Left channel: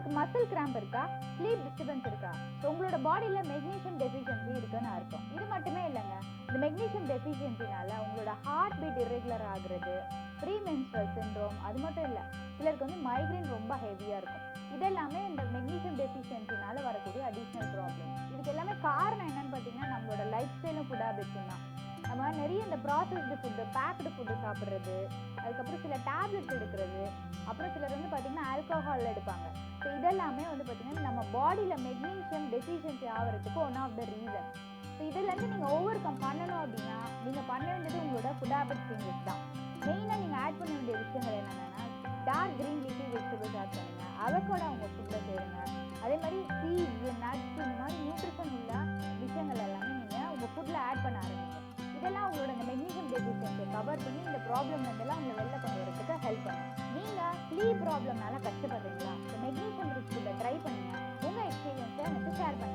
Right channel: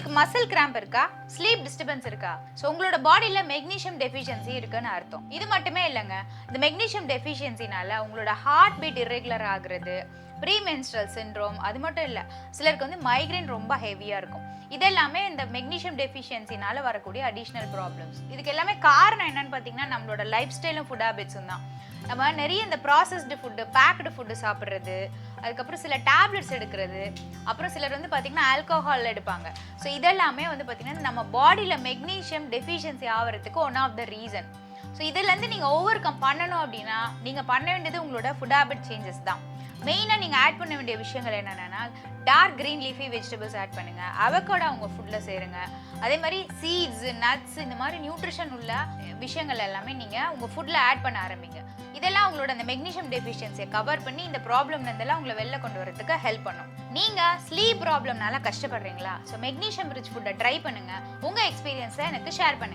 உங்களுக்கு muscle cramp இருக்கா, sleep disturbance இருக்கா, ஸோ உங்களோட பாடியில் மெக்னீஷியம் டெஃபிஷியன்சி இருக்குன்னு அர்த்தம். இது மட்டுமே இல்லைங்க, இந்த மெக்னீஷியம் டெஃபிஷியன்சினால உங்களோட ஹார்ட் பீட் இர்ரெகுலர் ஆகுறது, ப்ரீமென்ஸ்ட்ரல் சிண்ட்ரோம், அது மட்டும் இல்லை சிலருக்கு வந்து மைக்ரைன் ரொம்ப ஹெவியாக இருக்கும். இதெல்லாமே இந்த மெக்னீஷியம் டெஃபிஷியன்சினால வரக்கூடிய அடிஷ்னல் ப்ராப்ளம்ஸ். இதுக்கு எல்லாமே காரணம் என்னன்னு பார்த்தீங்கன்னா நம்மளோட லைஃப் ஸ்டைலும் ஃபுட் ஹேபிட்ஸும் தான். நம்ம நிறைய இந்த ப்ராசஸ்டு ஃபுட்டு, பேக்டு ஃபுட்டு சாப்பிட்றது, அதுக்கப்புறம் சில டேப்லெட்ஸ் எடுக்கிறது, அப்புறம் சிலர் வந்து பார்த்திங்கன்னா ஆல்கோஹால் எடுப்பாங்க. ஸோ இதெல்லாமே வந்து பார்த்திங்கன்னா நம்ம பாடியில் மெக்னீஷியம் டெஃபிஷியன்சி ஆகிறதுக்கு one of the reason. So இதுலேருந்து நீங்கள் ஓவர் கம் பண்ணணும் அப்படின்னா நீங்கள் பண்ண வேண்டியது உங்களோட ஃபுட் ஹேபிட் சேஞ்சஸ் தான். மெயினாக நீங்கள் ஆட் பண்ண வேண்டிய விஷயங்கள் என்னென்னா, dark green leafy vegetables add பண்ணுங்கள், அவகோடா உங்கள் ஃபுட்டில் சேருங்க. அதே மாதிரி சீட்ஸ், நட்ஸ், இந்த மாதிரி நியூட்ரிஷன் உள்ள விஷயங்கள் எல்லாமே நீங்கள் உங்கள் ஃபுட்டில் ஆட் பண்ண ஆரம்பிங்க. இதெல்லாம் உங்களோட அந்த மெக்னீஷியம் டெஃபிஷியன்சியை கவர் பண்ணி இந்த ப்ராப்ளம்லேருந்தெல்லாம் உங்களை வெளில கொண்டு வரதுக்கு ஹெல்ப் பண்ணும். நீங்கள் ஸ்லீப் ப்ராப்ளம்னால கஷ்டப்படுறீங்களா? ஸோ மெக்னீஷியம் ரிச் ஃபுட்டை ட்ரை பண்ணுங்கள். உங்கள் எக்ஸ்பீரியன்ஸை எனக்கு ஷேர் பண்ணுங்கள்.